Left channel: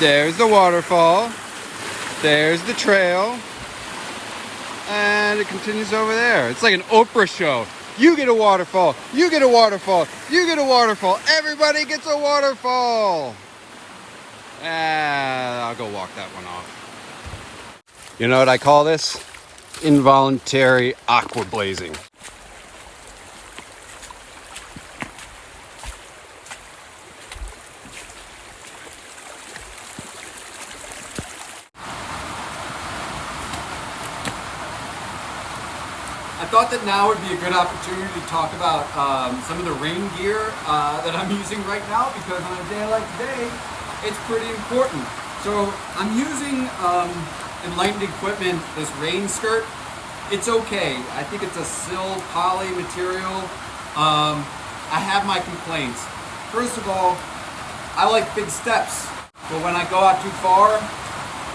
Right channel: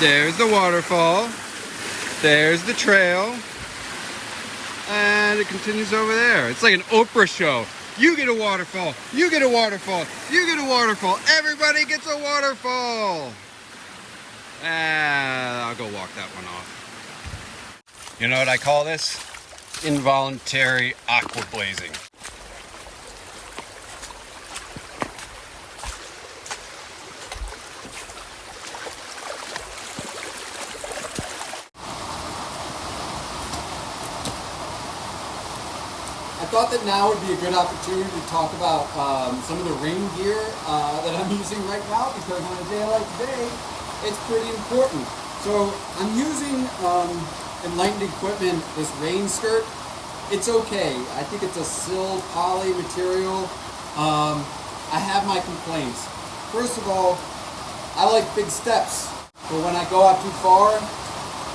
There's the waterfall. There's the trail. And it continues over there. It's like an Oprah show. You get a waterfall. You get a waterfall. You get a waterfall. Everybody gets a waterfall. I'll go walk that one off. You know what I call this? Involuntary aqua blazing. I thought that now would be a good opportunity to talk about some of the rain gear that I'm using right now, because on a day like today, it's pretty important. So I'm using Enlightened Equipment, this rain skirt. It's okay. I think it's a sil poly material. I have my complaints. First of all, I like big steps, but when I go out too far,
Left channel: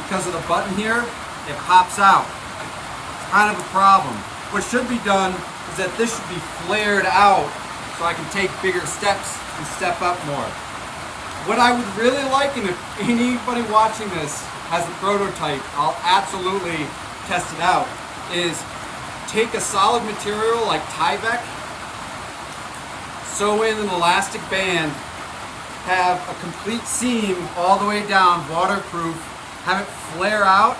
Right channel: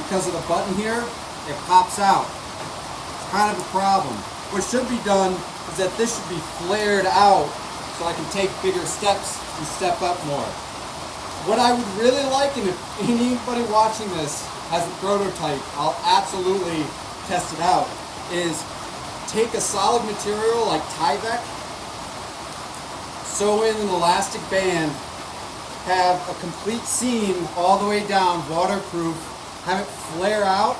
because of the button here, it pops out. It's kind of a problem. What should be done is that this should be flared out so I can take bigger steps and step up more. What I would really like, and if anybody watching this has a prototype, I'll absolutely test it out, is take a solid material like Tyvek, sew in an elastic band, have a complete seam all the way down, waterproof, have it flare out,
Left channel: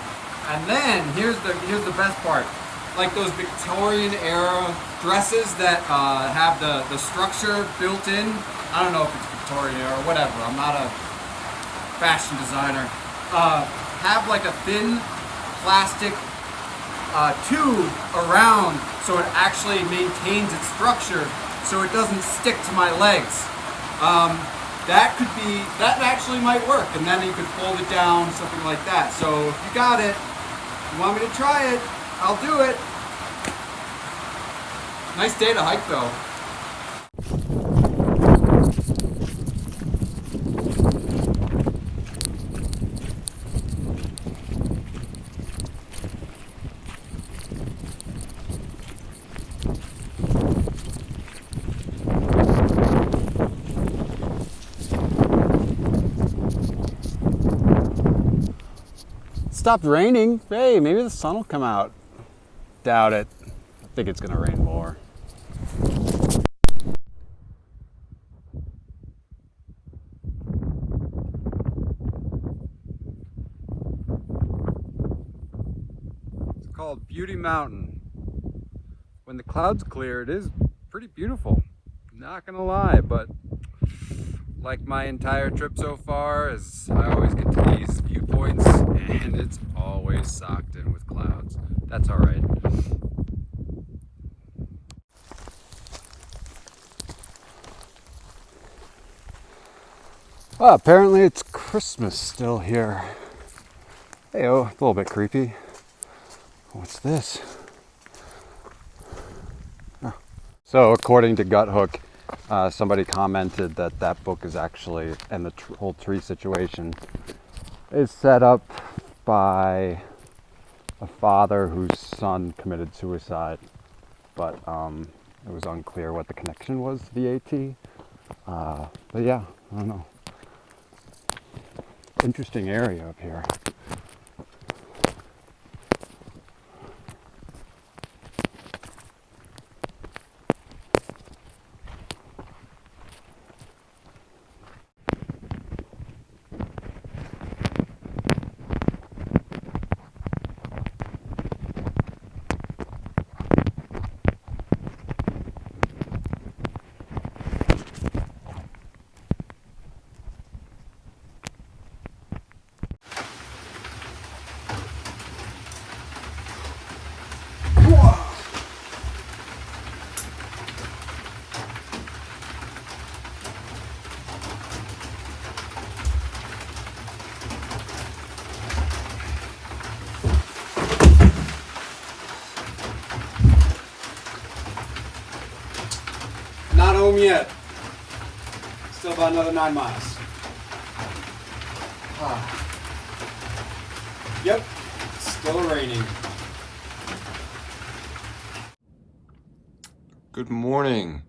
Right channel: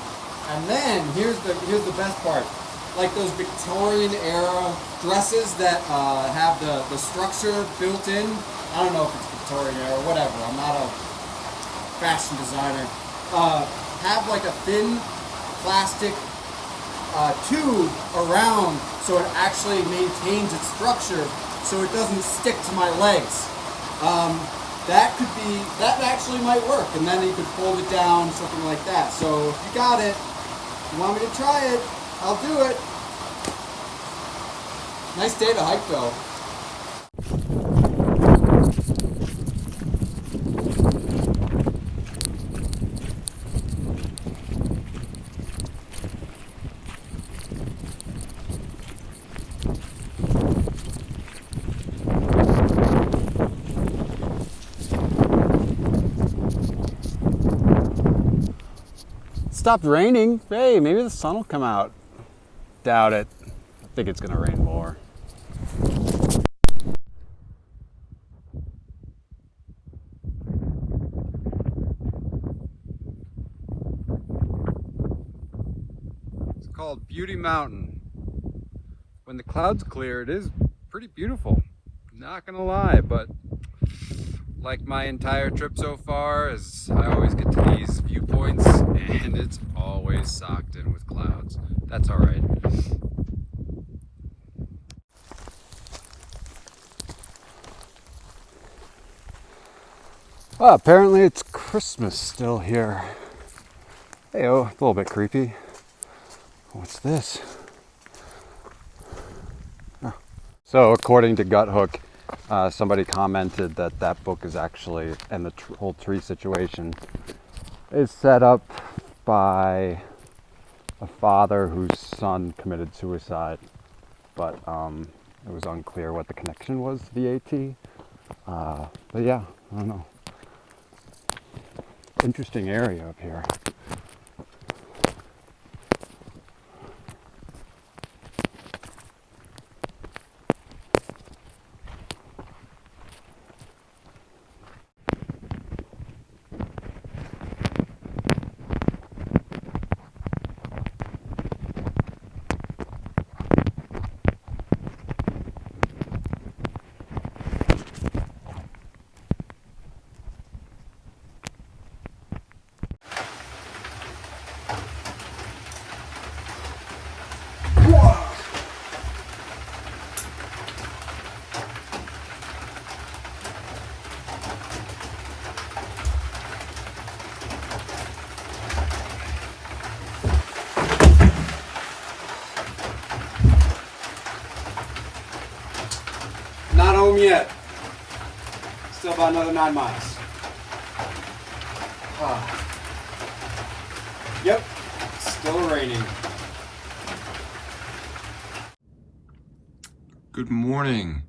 and then here's the best part. Like those Victorian era dresses that have the structure built in. I don't know if it's Victorian era or whatever. I'm not a fashion designer. Have like a thin plastic tube around so it actually maintains its structure so it doesn't stick to my legs. That actually might work, and then you could fold it down, something like that. So if you got it, you want me to try it, I'll do it. Nice day to hike though. Stopped raining. Hey, maybe the sun will come out. Doubt it. I think it's gonna rain more. It's called Beauty Mountain. When the clouds clear, it is pretty beautiful. Not gonna lie, but like my entire trip so far, is I always get to these viewpoints and it's always socked in with clouds. That's all right. Well, apparently it's Christmas still here. Hey, oh, a little bit creepy. What's this? Oh. So according to Guthook, somebody commented that that book is actually, and the whole tree situation is set up by a father whose son committed suicide, but it was unclear what the connection was to the AT. But yeah, I don't know. Interesting area up here. Not home yet. Still about another 9 miles. Yep, still raining. Good morning.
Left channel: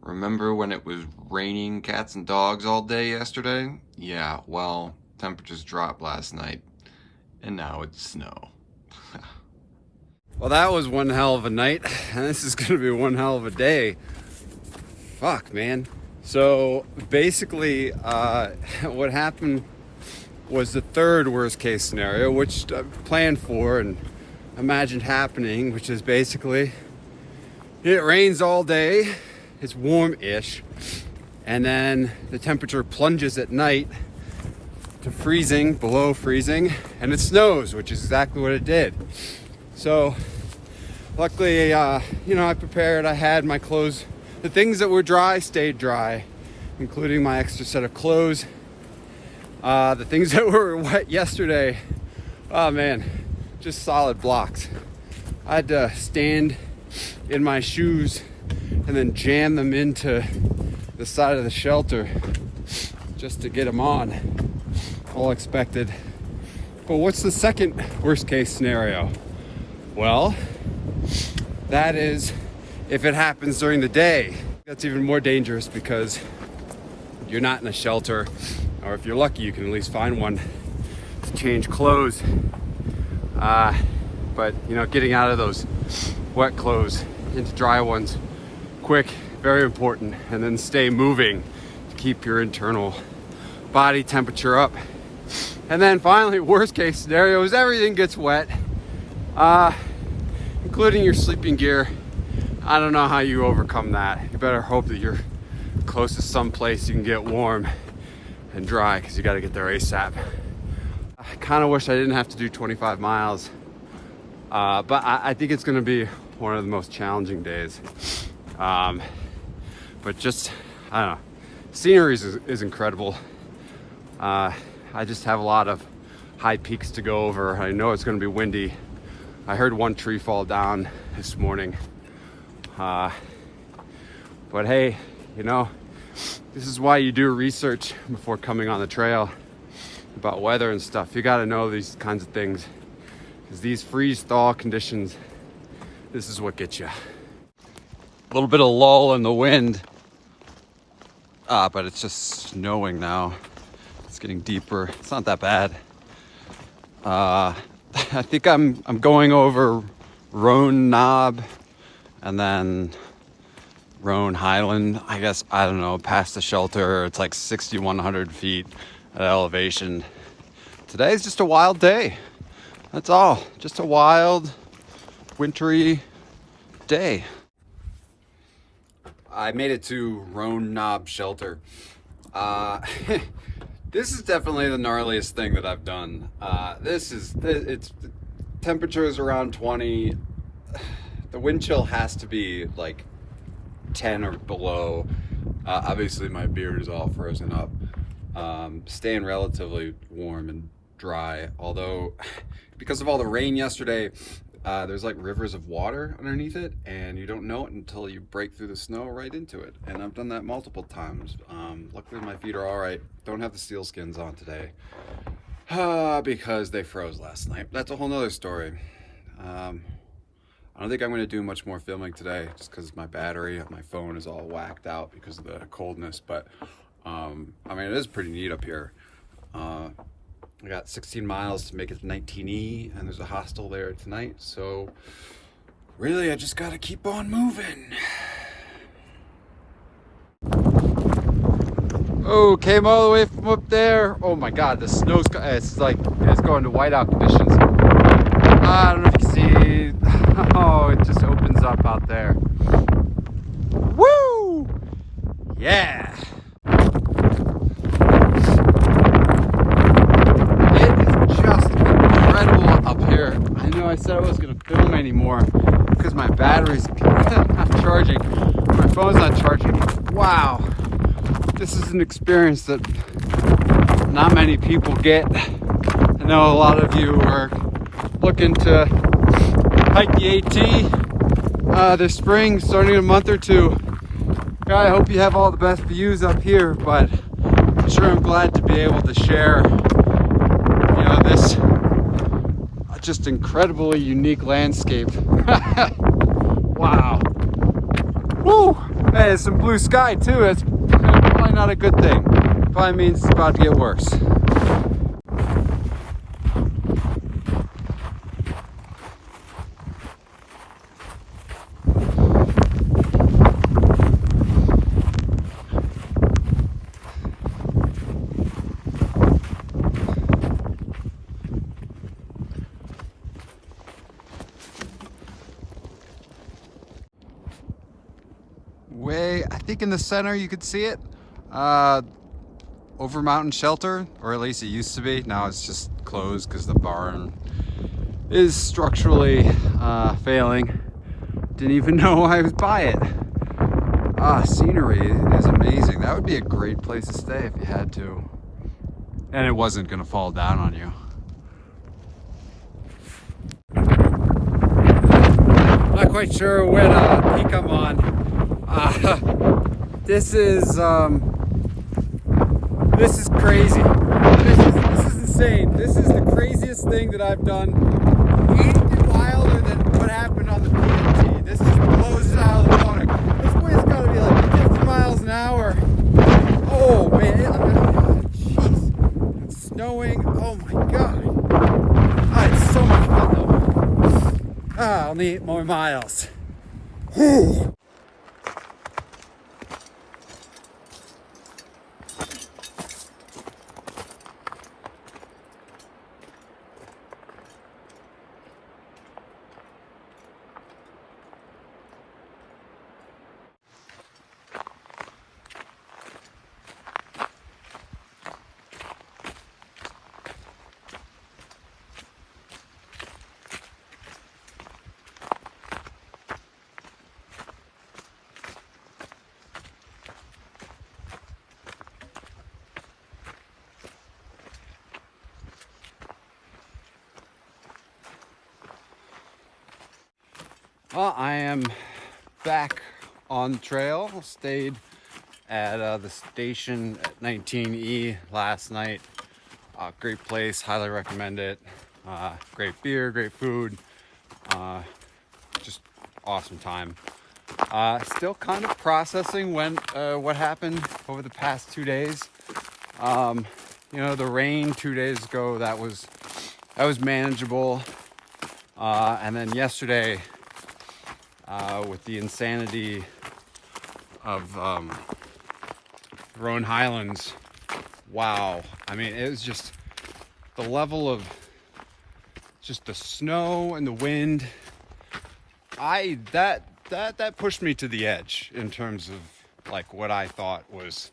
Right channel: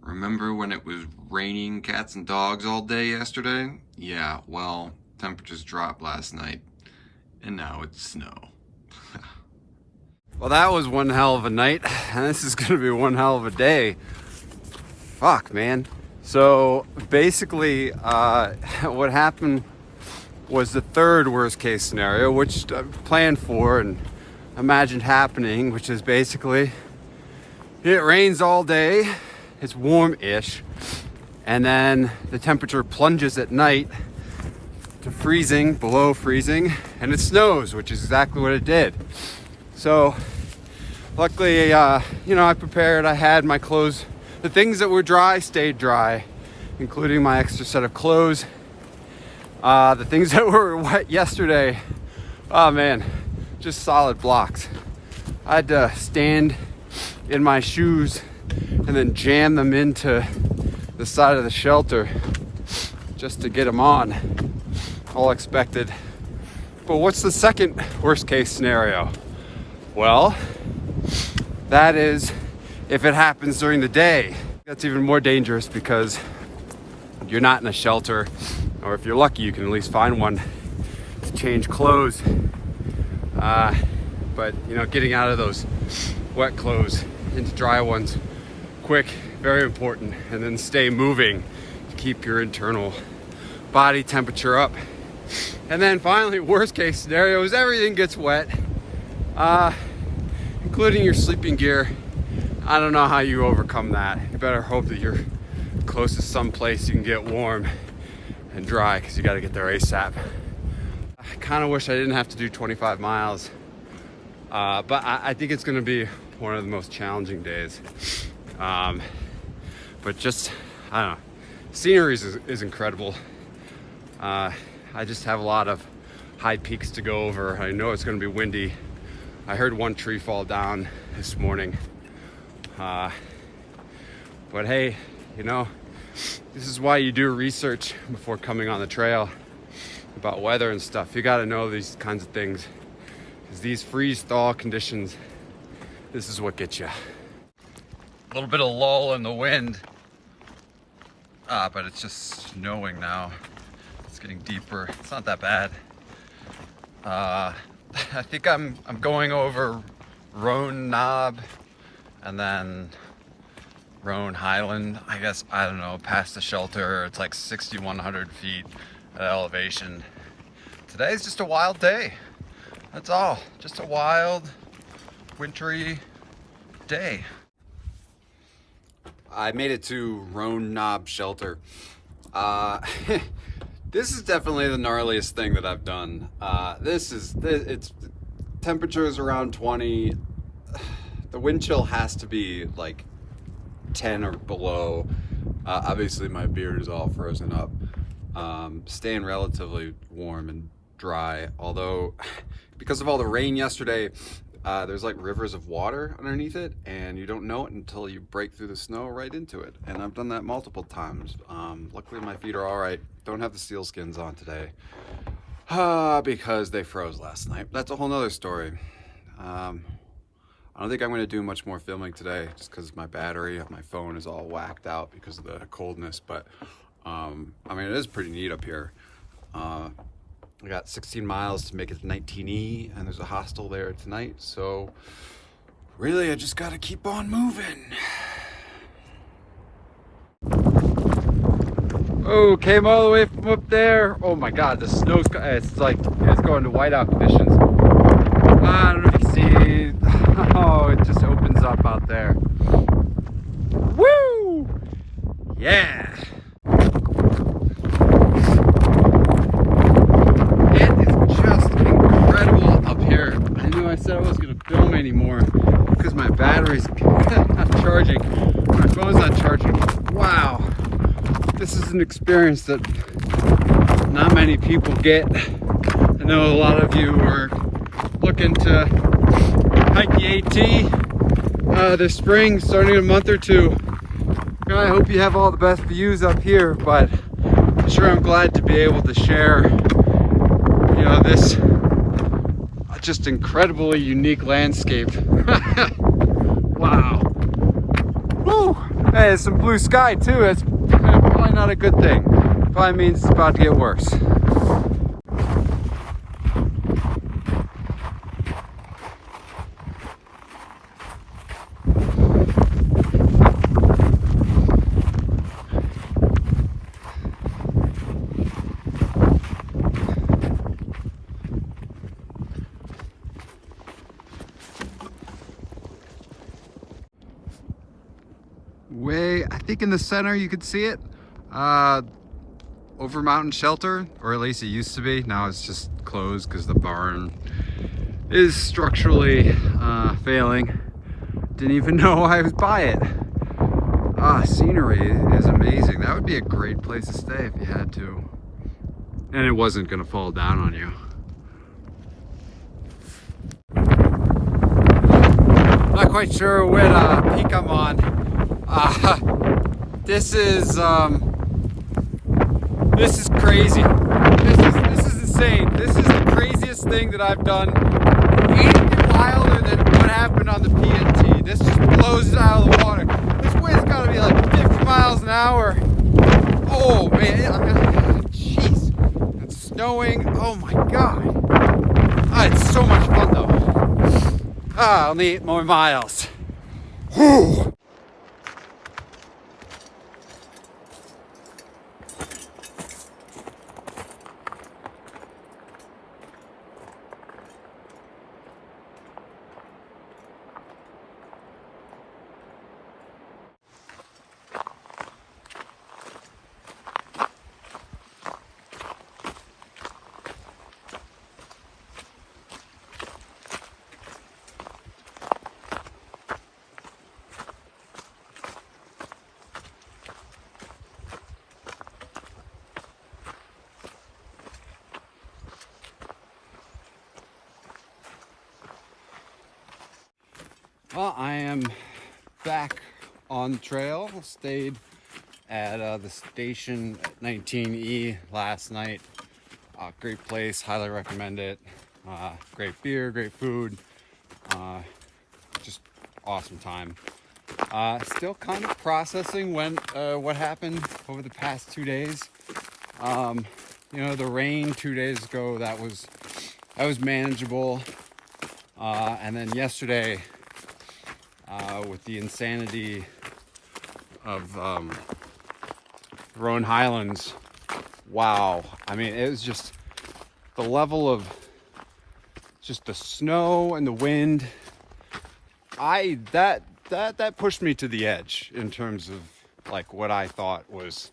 Remember when it was raining cats and dogs all day yesterday? Yeah, well, Temperatures dropped last night, and now it's snow. Well, that was one hell of a night, and this is gonna be one hell of a day. Fuck, man. So basically, what happened was the third worst case scenario, which I planned for and imagined happening, which is basically it rains all day, it's warm-ish, and then the temperature plunges at night to freezing, below freezing, and it snows, which is exactly what it did. So luckily, you know, I prepared, I had my clothes, the things that were dry stayed dry, including my extra set of clothes. The things that were wet yesterday, oh man, just solid blocks. I had to stand in my shoes and then jam them into the side of the shelter just to get them on. All expected. But what's the second worst case scenario? Well, that is if it happens during the day. That's even more dangerous because you're not in a shelter, or if you're lucky, you can at least find one to change clothes. But you know, getting out of those wet clothes into dry ones quick, very important, and then stay moving to keep your internal body temperature up. And then finally, worst case scenario is everything gets wet, including your sleeping gear. I don't know how you overcome that. You better hope that you're close to some place you can get warm and dry, because you got to get there ASAP. I kind of wish I didn't have to do 25 miles, but I think it's going to be one of the most challenging days. But just, I don't know, scenery is incredible. I just have a lot of high peaks to go over. I know it's going to be windy. I heard one tree fall down this morning. But hey, you know, this is why you do research before coming on the trail about weather and stuff. You got to know these kinds of things, because these freeze thaw conditions, this is what gets you. A little bit of lull in the wind, but it's just snowing now. It's getting deeper. It's not that bad. I think I'm going over Roan Knob and then Roan Highland. I guess, I don't know, past the shelter. It's like 6,100 feet at elevation. Today's just a wild day. That's all. Just a wild, wintry day. I made it to Roan Knob shelter. This is definitely the gnarliest thing that I've done. It's temperature is around 20. The wind chill has to be like 10 or below. Obviously my beard is all frozen up. Staying relatively warm and dry, although because of all the rain yesterday, there's like rivers of water underneath it, and you don't know it until you break through the snow right into it. And I've done that multiple times. Luckily my feet are all right. Don't have the seal skins on today because they froze last night. That's a whole nother story. I don't think I'm going to do much more filming today, just because my battery on my phone is all whacked out because of the coldness. But I mean, it is pretty neat up here. I got 16 miles to make it to 19E, and there's a hostel there tonight. So really, I just got to keep on moving. Oh, came all the way from up there. Oh my God, the snow's, it's going to whiteout conditions. I don't know if you see, oh, it just opens up out there. Woo! Yeah! It is just incredible up here. I know I said I wasn't going to film anymore because my battery's not charging. My phone's not charging. Wow. This is an experience that not many people get. I know a lot of you are looking to hike the AT this spring, starting in a month or two. Yeah, I hope you have all the best views up here, but sure, I'm glad to be able to share, you know, this just incredibly unique landscape. Wow. Woo! Hey, there's some blue sky too. That's probably not a good thing. Probably means it's about to get worse. I think in the center you could see it. Over Mountain Shelter, or at least it used to be. Now it's just closed because the barn is structurally failing. Didn't even know I was by it. Scenery is amazing. That would be a great place to stay if you had to. And it wasn't gonna fall down on you. Not quite sure what peak I'm on. This is crazy. This is insane. This is the craziest thing that I've done. Anything wilder than what happened on the PNT. This just blows it out of the water. This wind's gotta be like 50 miles an hour. Oh man, jeez. It's snowing. Oh my god. It's so much fun though. I'll need 8 more miles. Whew. Well, I am back on the trail. Stayed at the station at 19E last night. Great place, highly recommend it. Great beer, great food. Just awesome time. Still kind of processing what happened over the past 2 days. You know, the rain 2 days ago, that was manageable. And then yesterday, with the insanity of Roan Highlands, wow. I mean, it was just the level of just the snow and the wind. That pushed me to the edge in terms of like what I thought was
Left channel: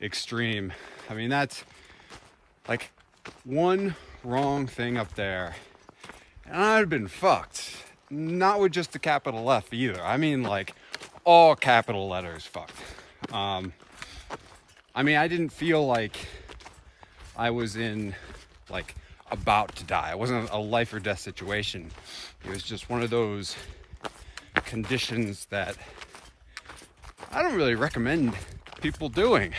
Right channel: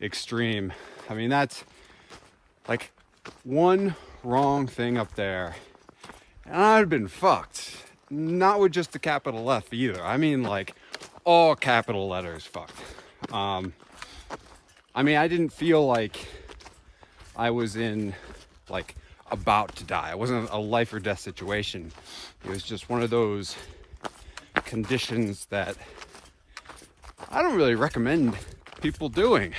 extreme. I mean, that's like one wrong thing up there and I'd have been fucked. Not with just the capital F either. I mean, like all capital letters fucked. I mean, I didn't feel like I was in like about to die. It wasn't a life or death situation. It was just one of those conditions that I don't really recommend people doing.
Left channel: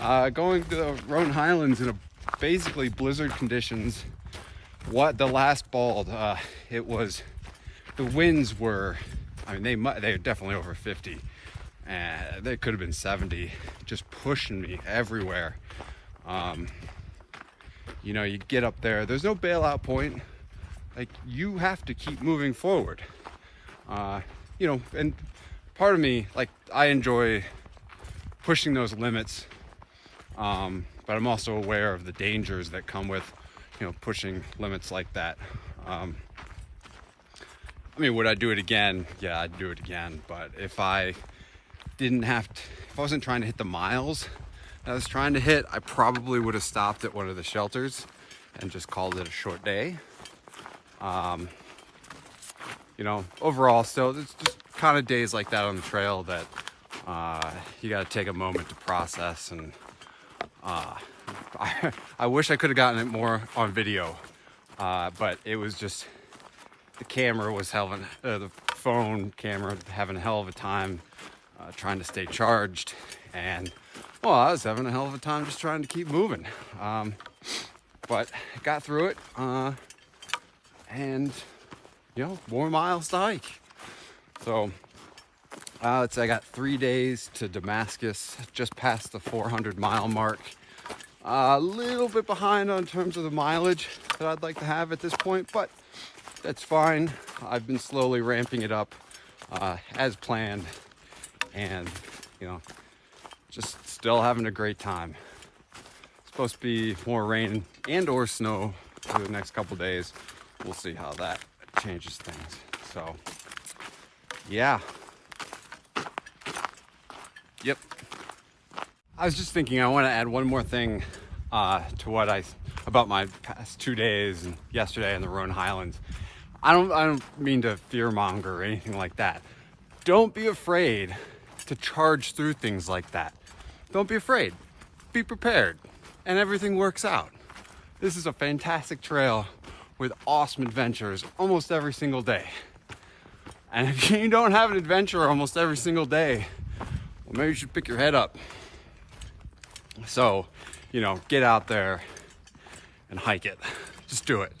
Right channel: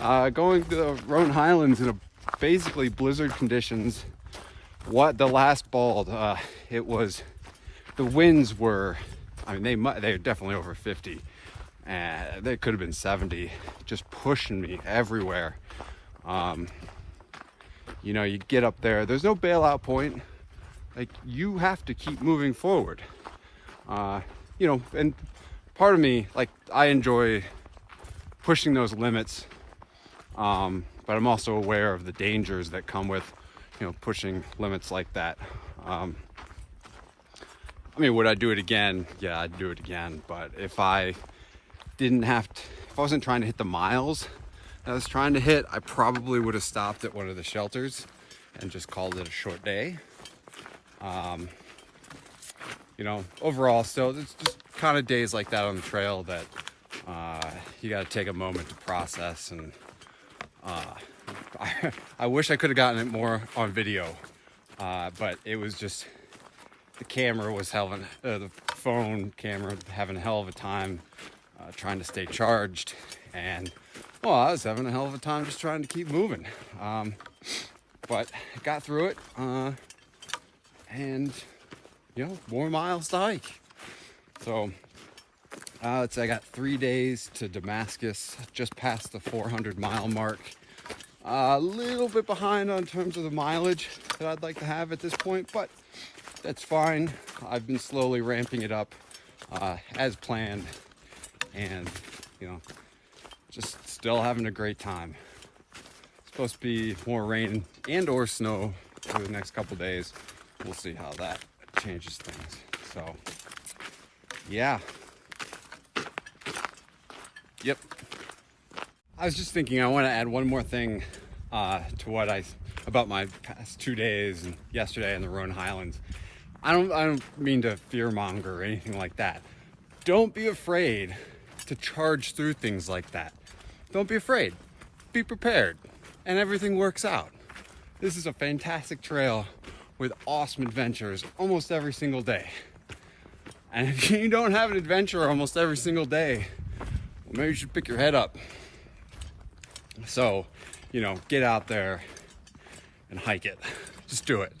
Going to the Roan Highlands in basically blizzard conditions. What the last bald, it was. The winds were, I mean, they're definitely over 50. They could have been 70, just pushing me everywhere. You know, you get up there, there's no bailout point. Like, you have to keep moving forward. You know, and part of me, like, I enjoy pushing those limits. But I'm also aware of the dangers that come with, you know, pushing limits like that. I mean, would I do it again? Yeah, I'd do it again. But if I wasn't trying to hit the miles that I was trying to hit, I probably would have stopped at one of the shelters and just called it a short day. You know, overall, still, it's just kind of days like that on the trail that you got to take a moment to process. And I wish I could have gotten it more on video, but it was just, the camera was the phone camera having a hell of a time trying to stay charged, and well, I was having a hell of a time just trying to keep moving. But I got through it, and you know, more miles to hike. So let's say I got 3 days to Damascus, just past the 400-mile mark. A little bit behind on terms of the mileage that I'd like to have at this point, but that's fine. I've been slowly ramping it up as planned, and you know, just still having a great time. It's supposed to be more rain and or snow for the next couple days. We'll see how that changes things. So yeah, Yep. I was just thinking I want to add one more thing to what about my past 2 days and yesterday in the Rhone Highlands. I don't mean to fearmonger or anything like that. Don't be afraid to charge through things like that. Don't be afraid. Be prepared, and everything works out. This is a fantastic trail with awesome adventures almost every single day. And if you don't have an adventure almost every single day, well, maybe you should pick your head up. So, you know, get out there and hike it. Just do it.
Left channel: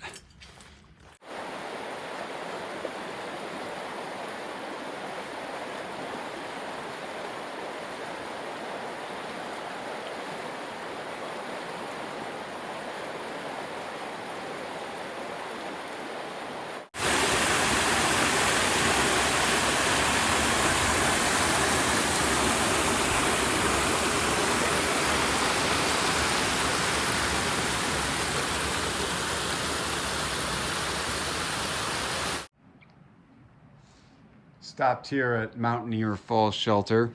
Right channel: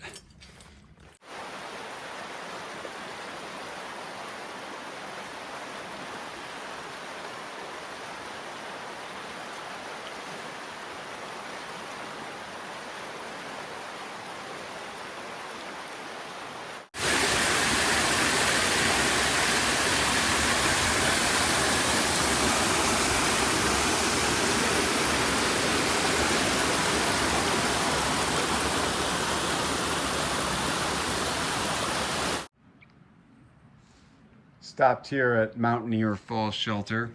Stopped here at Mountaineer Falls Shelter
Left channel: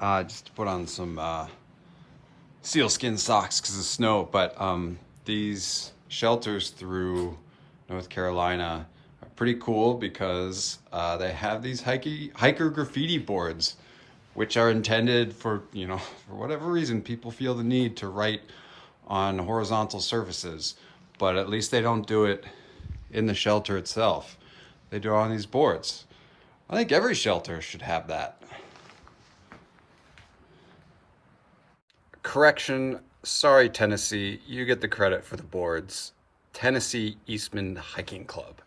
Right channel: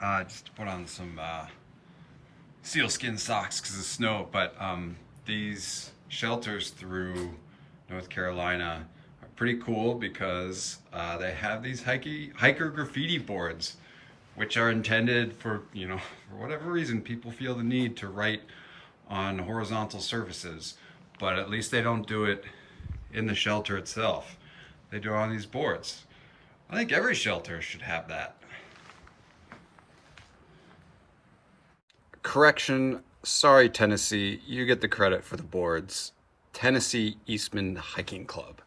just to put on some sealskin socks because of snow. But these shelters through North Carolina are pretty cool because they have these hiker graffiti boards, which are intended for, you know, for whatever reason people feel the need to write on horizontal surfaces. But at least they don't do it in the shelter itself. They do it on these boards. I think every shelter should have that. Correction, sorry Tennessee, you get the credit for the boards. Tennessee Eastman Hiking Club.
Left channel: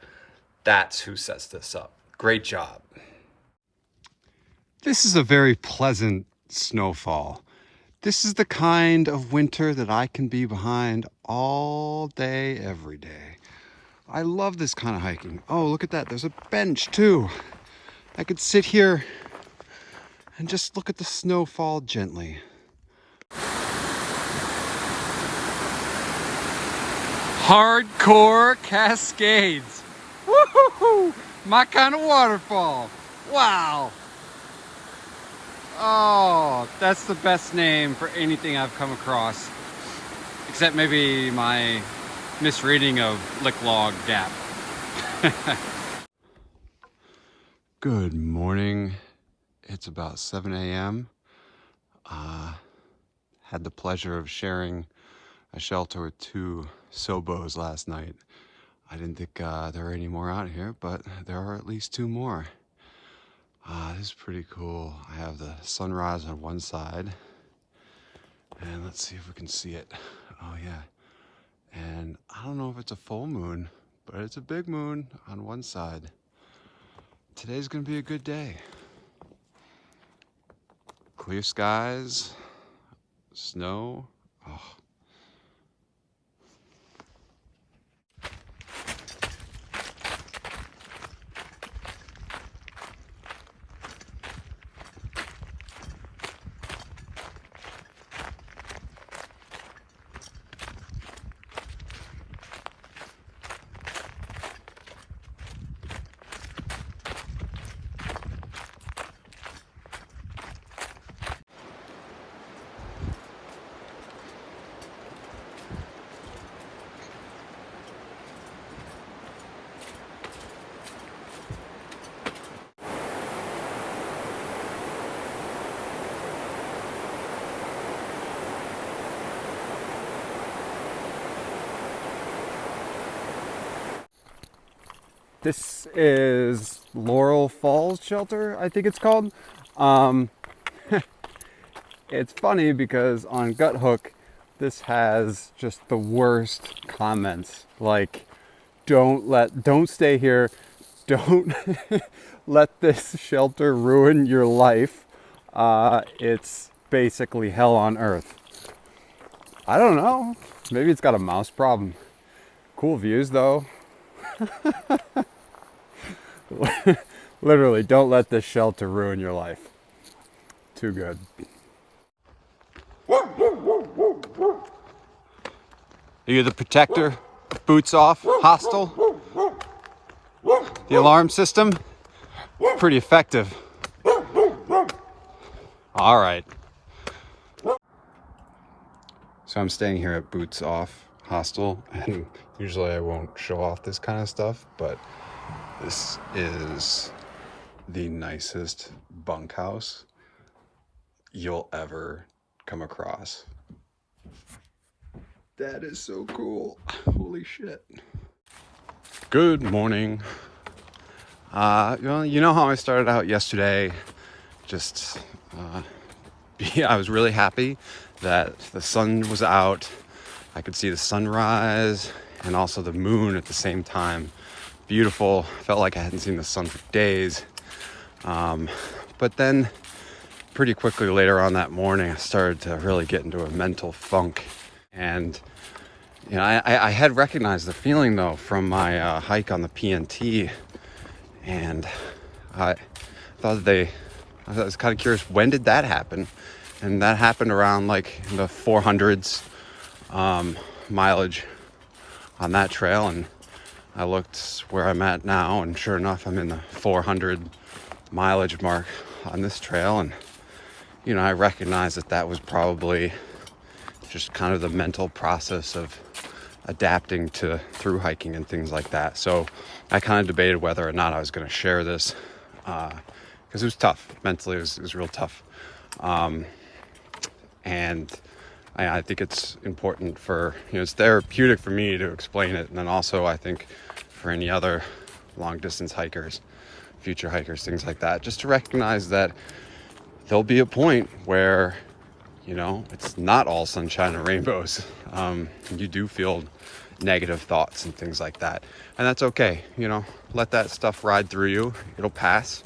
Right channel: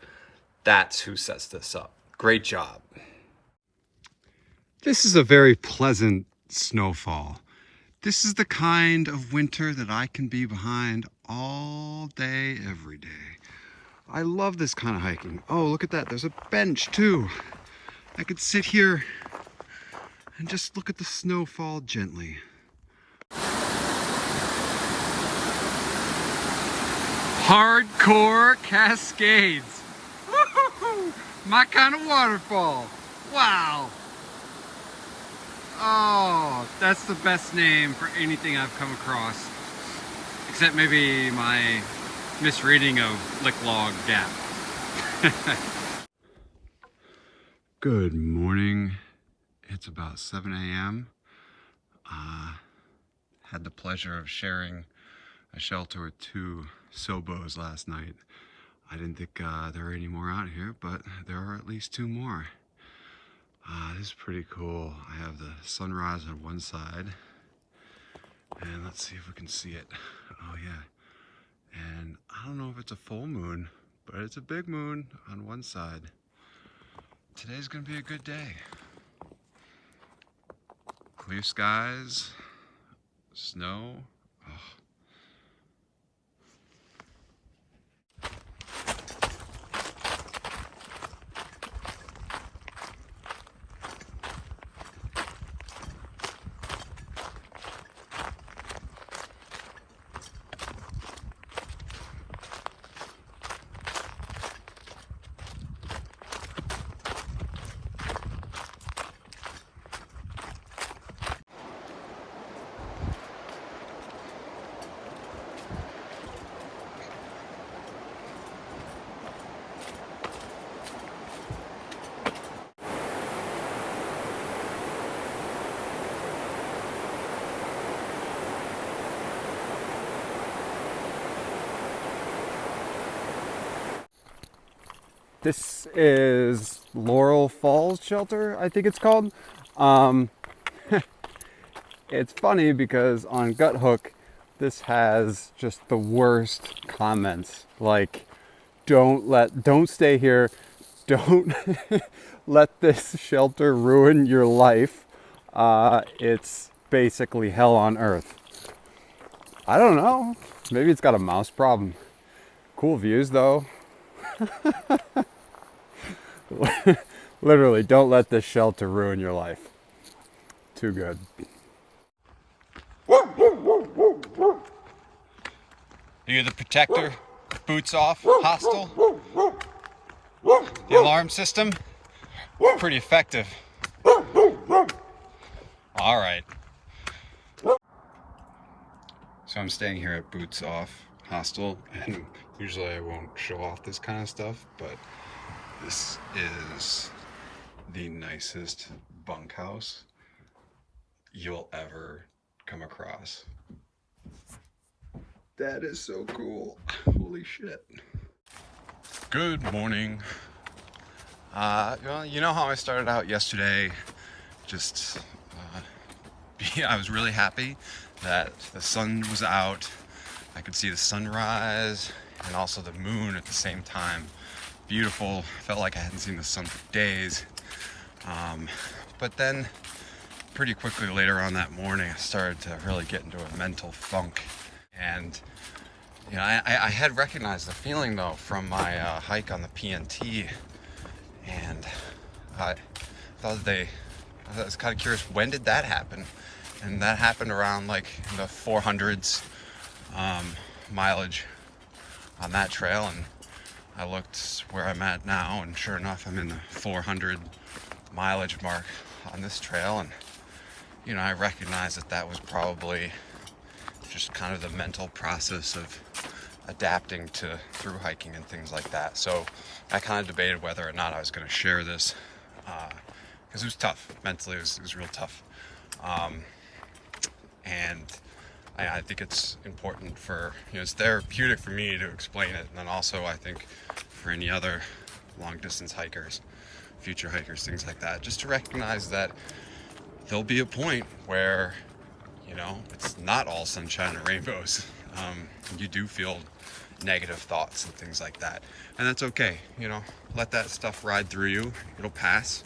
That's who sets this up. Great job. This is a very pleasant snowfall. This is the kind of winter that I can be behind all day, every day. I love this kind of hiking. Oh, look at that, there's a bench too. I could sit here and just look at the snow fall gently. Hardcore Cascades. Woo-hoo-hoo! My kind of waterfall. Wow. Oh, that's the best name for anything I've come across. Except maybe my misreading of Licklog Gap. Good morning. It's about 7 a.m. Had the pleasure of sharing a shelter with 2 Sobos last night. I didn't think there were any more out here, but there are at least 2 more. This is pretty cool. I have the sunrise on one side, and let's see if we can see it. Oh yeah. And I don't know if it's a full moon, but it's a big moon on one side. Today's gonna be a good day. Clear skies, snow. Oh. This is Laurel Falls Shelter, I think it's called. It's funny because on Guthook, this has just the worst comments. Like, don't stay here. Don't let this shelter ruin your life. It's basically hell on earth. I don't know. Maybe it's got a mouse problem. Cool views though. Literally, don't let this shelter ruin your life. Too good. Are you the protector? Boots off? Hostile? The alarm system? Pretty effective. All right. So I'm staying here at Boots Off Hostel, and usually I won't show off this kind of stuff, but this is the nicest bunkhouse you'll ever come across. That is so cool. Holy shit. Good morning. You know how I started out yesterday, just I was really happy that the sun was out. I could see the sunrise and also the moon at the same time. Beautiful. Felt like I hadn't seen the sun for days. But then pretty quickly later on that morning, I started to really get into a mental funk. And you know, I had recognized the feeling though from my hike on the PNT, and I was kind of curious, when did that happen? And that happened around like the 400s mileage on that trail, and I looked where I'm at now, and sure enough, I'm in the 400 mileage mark on this trail. And you know, I recognized that was probably just kind of the mental process of adapting to through hiking and things like that. So I kind of debated whether or not I was going to share this, because it was tough mentally. It was real tough, and I think it's important for, you know, it's therapeutic for me to explain it, and then also I think for any other long distance hikers, future hikers, things like that, just to recognize that there'll be a point where, you know, it's not all sunshine and rainbows. You do feel negative thoughts and things like that, and that's okay. You know, let that stuff ride through you. It'll pass.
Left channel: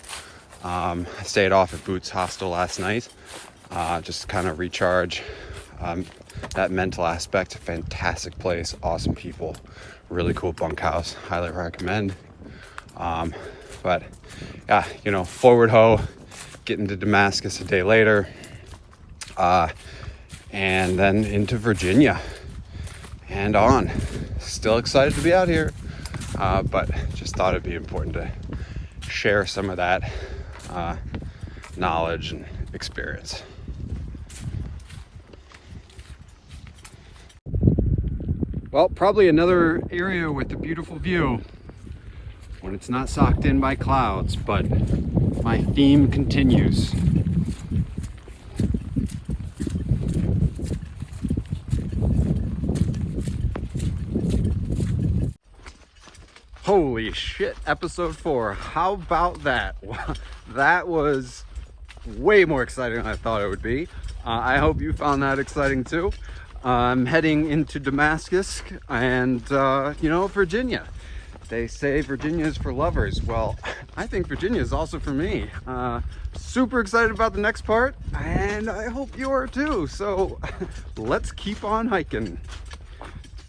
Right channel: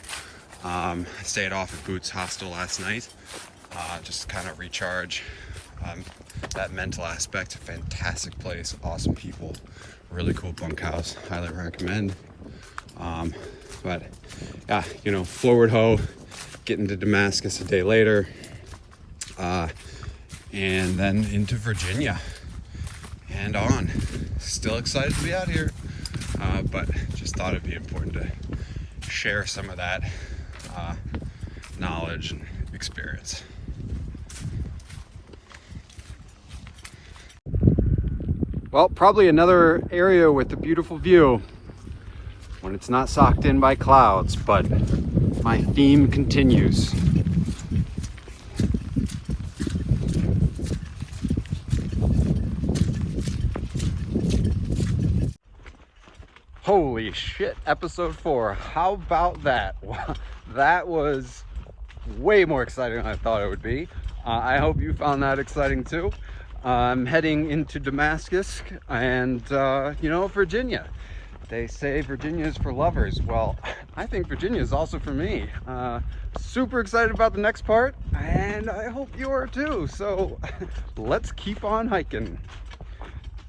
I stayed off at Boots Hostel last night, just to kind of recharge. That mental aspect. Fantastic place, awesome people, really cool bunkhouse. Highly recommend. But yeah, you know, forward ho, getting to Damascus a day later, and then into Virginia and on. Still excited to be out here, but just thought it'd be important to share some of that knowledge and experience. Well, probably another area with a beautiful view when it's not socked in by clouds, but my theme continues. Holy shit, episode 4. How about that? That was way more exciting than I thought it would be. I hope you found that exciting too. I'm heading into Damascus and, you know, Virginia. They say Virginia is for lovers. Well, I think Virginia is also for me. Super excited about the next part, and I hope you are too. So let's keep on hiking.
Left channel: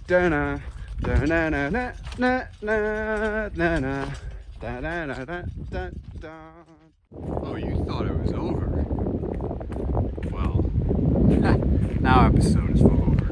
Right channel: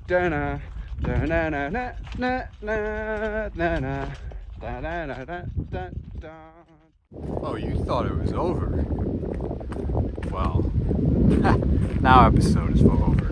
Da-na, da-na-na-na, na-na-na-na, da-da-da-da-da-da. Oh, you thought it was over? Well, now episode is over.